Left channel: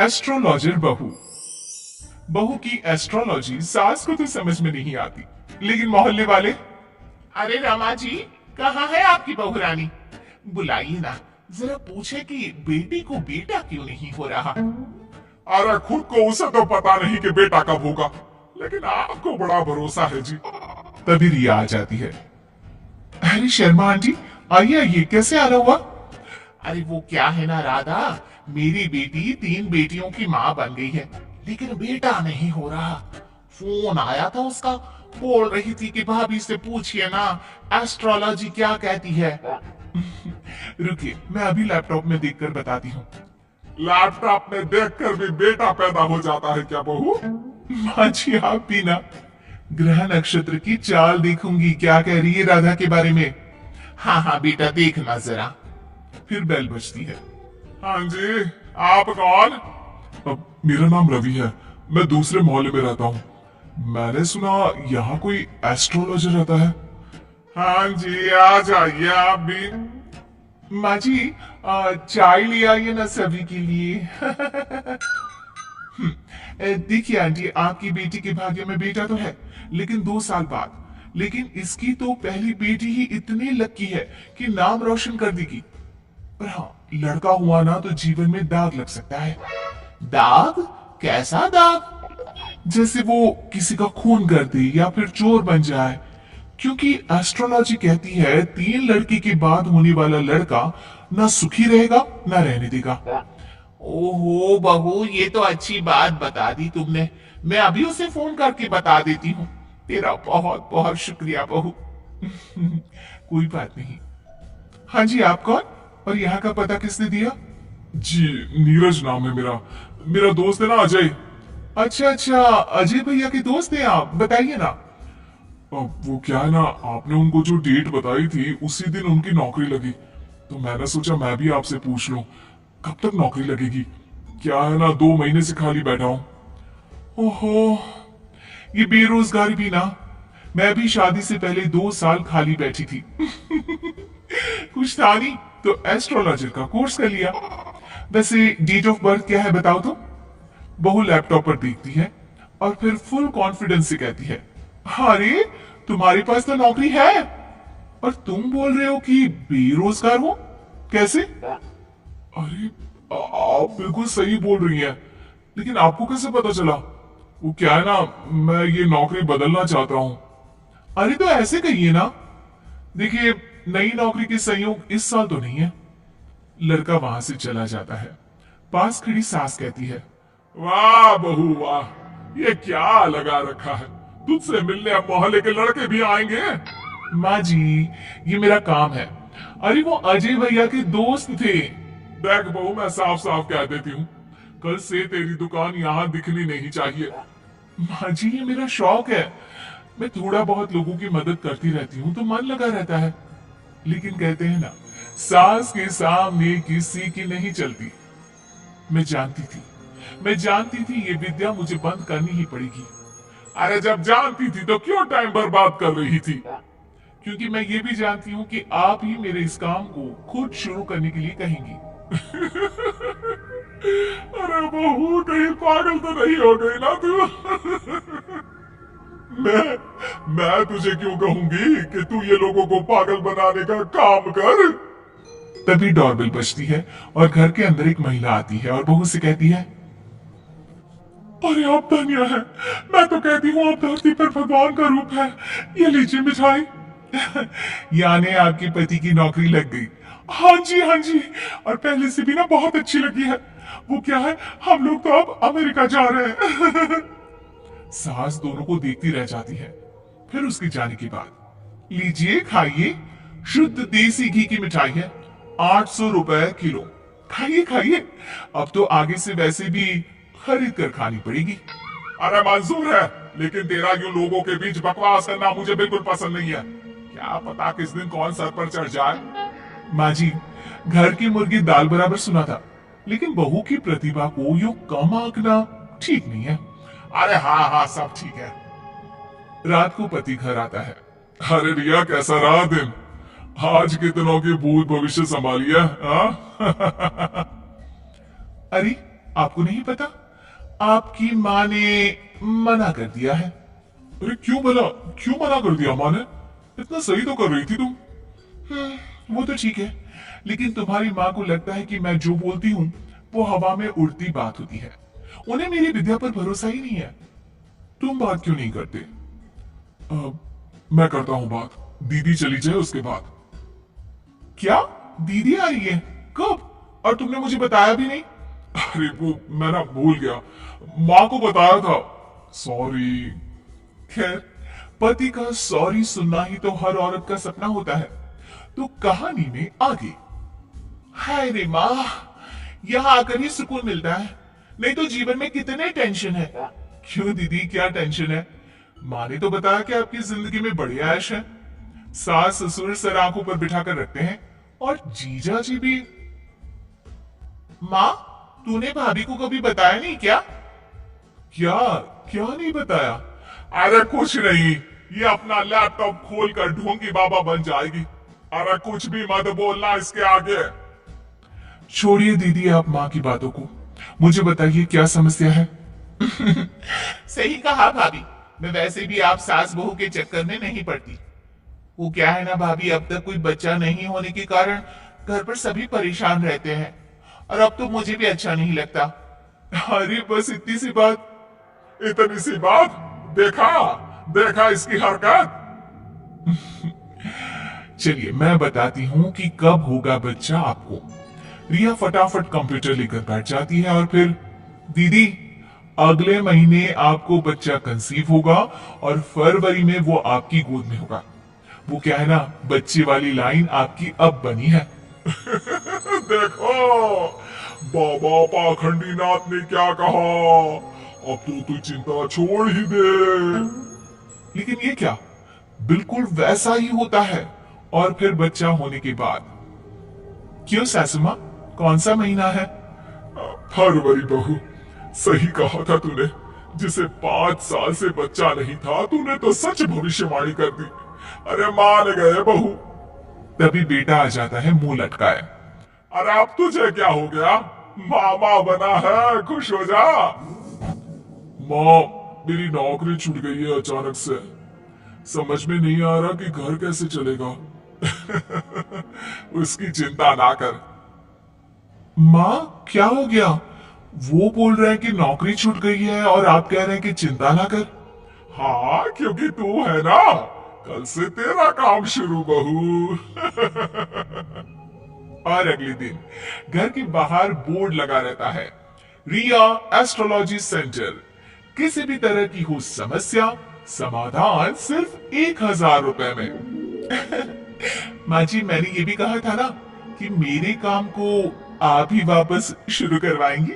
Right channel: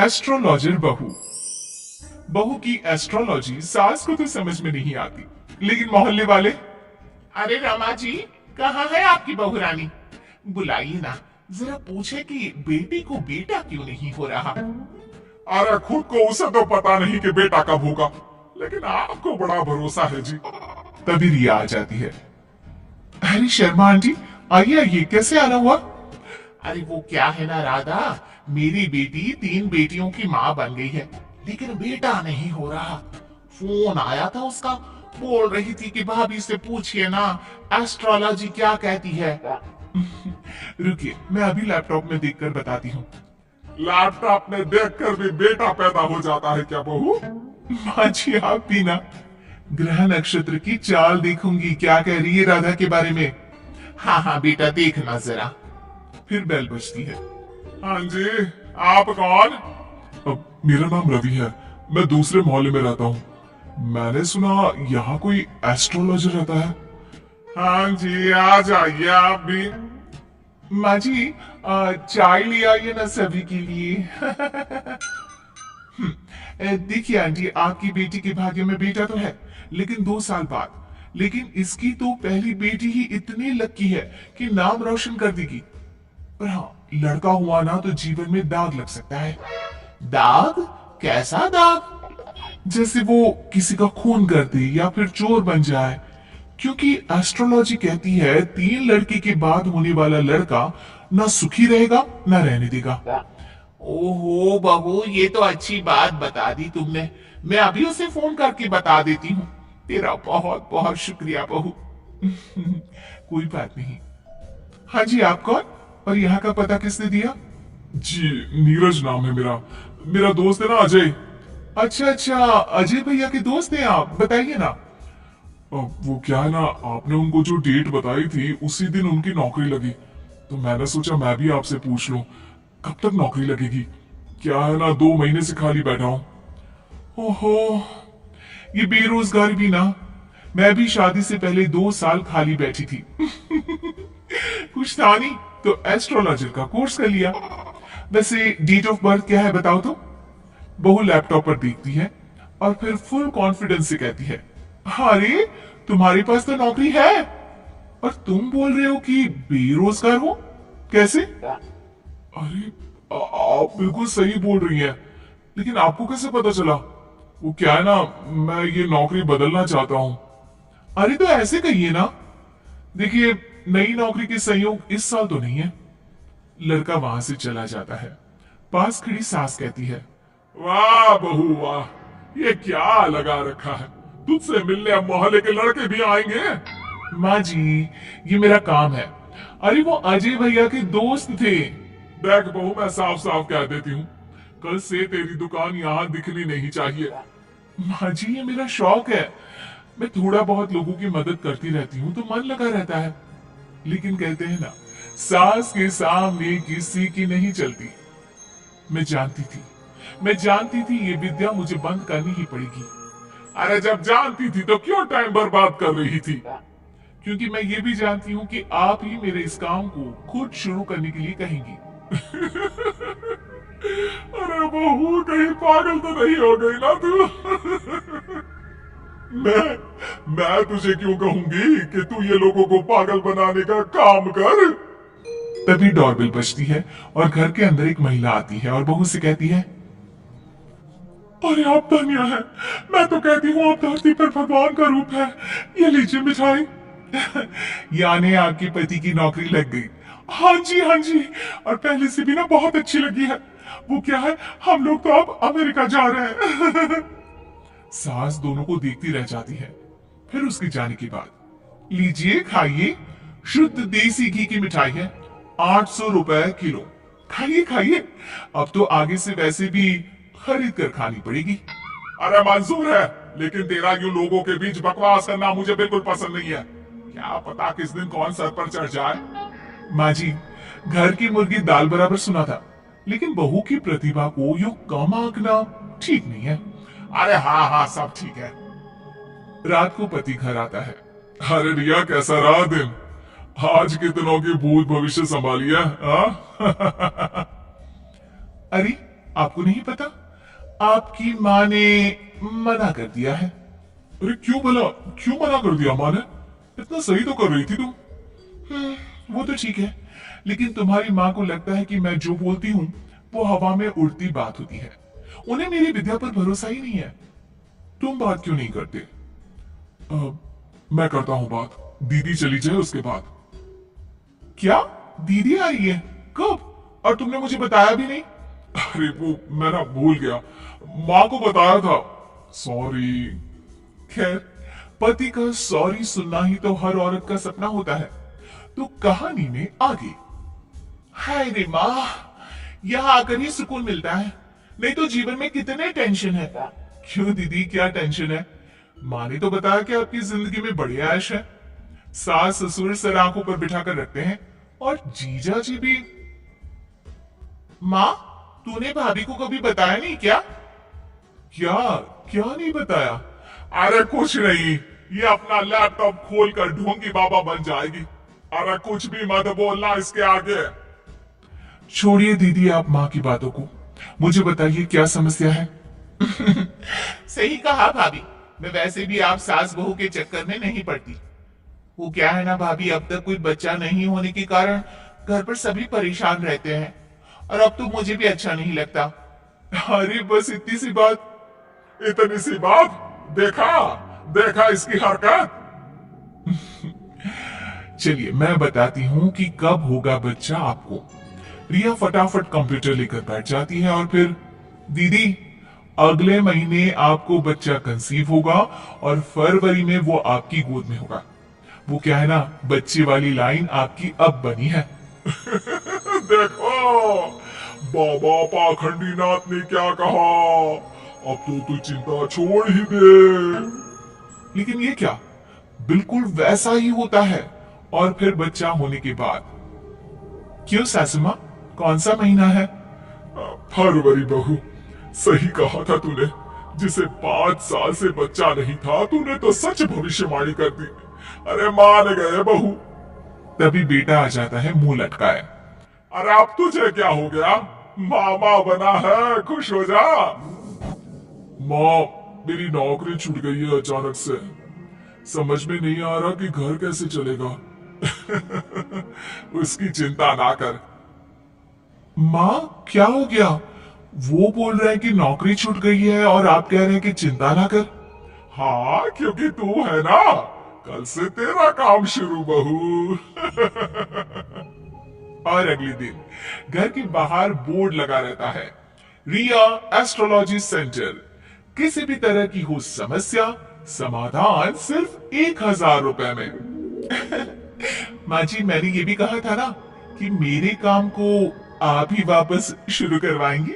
Astrologer बहू। बहू की एस्ट्रोलॉजी सास को तो समझ में नहीं आती, लेकिन मोहल्ले वाले, अरे रमा जी, कहाँ है आपकी बहू रानी? बुलाइए ना, जरा पूछे कि बेटी को बेटा क्यों नहीं हो रहा। अरे खुद को उसे तो पता नहीं कि बेटा कब होगा, लेकिन आपको बड़ा भरोसा है जी। तभी रिया आ जाती है। अरे शर्मा आंटी, आइए आइए, कैसे आना हुआ? अरे वो क्या है ना राधा, मेरी बेटी 3 बेटियों की माँ बन गई है, लेकिन बेटा नहीं हो रहा। फोन आया था उसका, बोल रही थी कि भाभी से पूछिए ना एस्ट्रोलॉजी क्या कहती है। रुकिए, मैं अभी लैपटॉप में देखकर बताती हूँ। लैपटॉप में देखकर भी बेटा पैदा हो जाता है क्या बहू? माँ जी, आप भी ना ग्रह नक्षत्र की चाल देखूंगी, क्या कह रही है राधा के बारे में। हाँ हाँ बेटा, देखना जरा। फिर बेल बजती है। हाँ जी, आप कौन? मेरा नाम रवि है, मैं दूसरे मोहल्ले में रहता हूँ। मैंने सुना यहाँ कोई एस्ट्रोलॉजर रहता है। हाँ जी, आ जाइए आप भी। माँ जी, चाय ले आइए ना सभी के लिए। देखिए आंटी, आपकी बेटी के भाग्य में बेटा तो है, लेकिन 2 साल बाद। लेकिन इसकी तो पहली बेटी ही इतनी लकी है कि नाम रोशन कर देगी। पर हाँ, लड़का हुआ ना तो जीवन में दाग लग सकता है। दाग? कैसा दाग? जैसे वो किसी का खून कर दे या फिर चोर बन जाए। क्योंकि एस्ट्रोलॉजी कहती है 3 लड़की के बाद होने वाला लड़का ना सुखी रहेगा ना रहने देगा। ओहो बहू, ये तो अच्छी बात बता दी तुमने। मैं अभी उसे फोन करके बता देती हूँ। तेरा बहुत बहुत शुक्रिया बहू। कोई बात नहीं। हाँ जी, आप कौन और यहाँ का पता किसने दिया? जी, नीरज नाम है मेरा। मेरा दोस्त है ना अजय। अच्छा अच्छा, अजय भैया के दोस्त हैं आप, बताइए ना। वो क्या है ना, आपने उनको जो डेट बताई थी उसी दिन उनकी नौकरी लगी, तो मैंने सोचा मैं भी आपसे पूछ लूं कब तक नौकरी लगेगी। क्या है ना, 2 महीने से खाली बैठा हूं। ओहो, ये बेरोजगारी भी ना। मैं भी शादी से पहले 2 साल खाली बैठी थी। कुछ था नहीं तो एस्ट्रोलॉजर का कोर्स कर लिया। वैसे डेट ऑफ बर्थ क्या है बताओ तो? बहू लैपटॉप पर देखती है और फिर फुल कॉन्फिडेंस से कहती है, अरे तुम्हारे पास तो नौकरी है और तुम बोल रहे हो कि बेरोजगार हो, कैसे? अरे आप बिल्कुल सही बोल रही हैं, लेकिन आपको कैसे पता चला? वो क्या है ना, मैं ये नौकरी बदलना चाहता हूँ। अरे तो ऐसे कहिए ना। देखिए, नई नौकरी के संयोग इस साल तो नहीं है। लड़का वहां से चला जाता है। पास खड़ी सास कहती है, वाह बहू वाह, ये क्या लगा रखा है? तुझसे मिलने अब मोहल्ले के लड़के भी आएंगे। माँ जी, ये मेरा काम है। अरे वो अजय भैया के दोस्त थे। देख बहू, मैं साफ साफ कह देती हूँ, कल से तेरी दुकान यहाँ दिखनी नहीं चाहिए। माँ जी, ये मेरा शौक है। मैं थोड़ा बहुत लोगों की मदद करती रहती हूँ तो मन लगा रहता है। लेकिन कहते हैं ना, सास के सामने किसी की नहीं चलती। मैं जानती थी ये विद्या मुझे बंद करनी ही पड़ेगी। अरे जब जानती थी तो क्यों टाइम बर्बाद कर रही थी? क्योंकि मैं ये भी जानती हूँ कि आप ही मेरे इस काम को खुद शुरू करने के लिए कहेंगी। अरे बहू, कहीं पागल तो नहीं हो गई ना तू? मैं तुझे क्यों कहूंगी कि तू ये लोगों को पागल बनाने का काम कर। तभी डोरबेल बजती है और घर के अंदर एक महिला आती है और बहू से कहती है, अरे आप धन्य है, मैं तो कहती हूँ आप धरती पर भगवान का रूप है। ये लीजिए मिठाई। यानी आपके पति की नौकरी लग गई? हाँ जी हाँ जी, और पहले से भी ना बहुत अच्छी लगी है। वो क्या है, हम लोग तो अब अमेरिका जा रहे हैं। सास दोनों को देखती रह जाती है। फिर उसके जाने के बाद, लीजिए खाइए, शुद्ध देसी घी की मिठाई है, 800 रुपए किलो। खाइए खाइए, अब तो आगे से वैसे भी खरीद कर खानी पड़ेगी। अरे मंजूर है, लेकिन तेरा यूं लोगों के बीच बकवास करना मुझे बिल्कुल पसंद नहीं है। क्या पता किस दिन कौन सर पर चढ़ जाए। माँ जी, घर की मुर्गी दाल बराबर सुना था, लेकिन बहू की प्रतिभा को यूं कम आंकना ठीक नहीं है। अरे हाँ हाँ, सब ठीक है। रात को पति घर आता है। अरे रिया, कैसा रहा दिन? आज कितनों की भूत भविष्य संभालिया? अरे आपको नहीं पता? आपकी माँ ने मना कर दिया है। अरे क्यों भला, क्यों मना कर दिया माँ ने? इतना सही तो कर रही थी तुम। वो तो ठीक है, लेकिन तुम्हारी माँ को लगता है कि मैं जो बोलती हूँ वो हवा में उड़ती बात होती है। उन्हें मेरी विद्या पर भरोसा ही नहीं है। तुम बात क्यों नहीं करते? मैं करता हूँ बात, दीदी चली जाए उसके बाद। क्या दीदी आ रही है? कब? और तुमने मुझे बताया भी नहीं। अरे वो मैं ना भूल गया, माँ को बताया था, सॉरी। खैर, पति का सॉरी सुनना ही तो हर औरत का सपना होता है। तो कहानी में आगे। हाय रे माँ, यहाँ आकर ही सुकून मिलता है, नहीं तो जीवन में कितने टेंशन है। क्यों दीदी, क्या टेंशन है? माँ ने तो बताया कि आपकी जिंदगी में बड़े ऐश है। सास ससुर सर आंखों पर बिठा कर रखते हैं, और जीजा जी भी। माँ, तूने भाभी को कभी बताया नहीं क्या? क्या क्या नहीं बताया? अरे कुछ नहीं, ये अपना लैपटॉप खोलकर ढोंगी बाबा बन जाएगी। अरे कुछ भी मत बोलना इसके आगे। छोड़िए दीदी आप माँ की बातों को, मुझे बताइए क्या समस्या है? सही कहा भाभी, मैं वैसे भी आप सास बहू के चक्कर में नहीं पड़ती। वो क्या है ना भाभी, अब तक कोई बच्चा नहीं होने के कारण घर पर सभी परेशान रहते हैं, और अब तो मुझे भी अच्छा नहीं लगता। अरे बस इतनी सी बात। इतनी सी बात? देखा देखा इसकी हरकत। चलिए मैं बताती हूँ कि कब होगा बच्चा आपको। रिया फटाफट कंप्यूटर लेकर बैठ जाती है, और फिर दीदी, अगले महीने आपको बच्चा कंसीव होगा और फरवरी में वो आपकी गोद में होगा। वो क्या है ना, बच्चे वाली लाइन आपकी अब बनी है। देखो बाबा पाखंडी नाथ ने क्या कहा, अब तो तू चिंता छोड़ ही दे। लेकिन ये क्या, बिल्कुल वैसा ही होता है। और फिर बच्चा होने के बाद। क्यों सासू माँ, कौन सा महीना है? फरवरी बहू, सही कहा था तूने। जिसे 5 साल से बच्चा नहीं था, तूने तो सच भविष्यवाणी कर दी। अरे मान गए बहू। तभी बेटा आ जाता है मुंह लटकाए। अरे अब तुझे क्या हो गया, मामा बना है, खुश हो जा। माँ, मेरी नौकरी छूट गई है अचानक से, समझ में नहीं आ रहा कि घर कैसे चलेगा। उसकी चिंता ना कर। माँ क्या हो गया? वो बोल रहे हैं कि नौकरी छूट गई है और आप कह रहे हैं कि चिंता ना कर। हाँ, क्योंकि तू है ना, कल से तेरा काम शुरू बहू। और अगले दिन घर के बाहर बोर्ड लगा रहता है, रिया एस्ट्रोलॉजी सेंटर। किसी भी तरह की हो समस्या, समाधान सिर्फ 1000 रुपए में। माँ जी, मैंने ये भी कहा था ना कि मेरे काम को आप ही वापस शुरू करवाएंगी।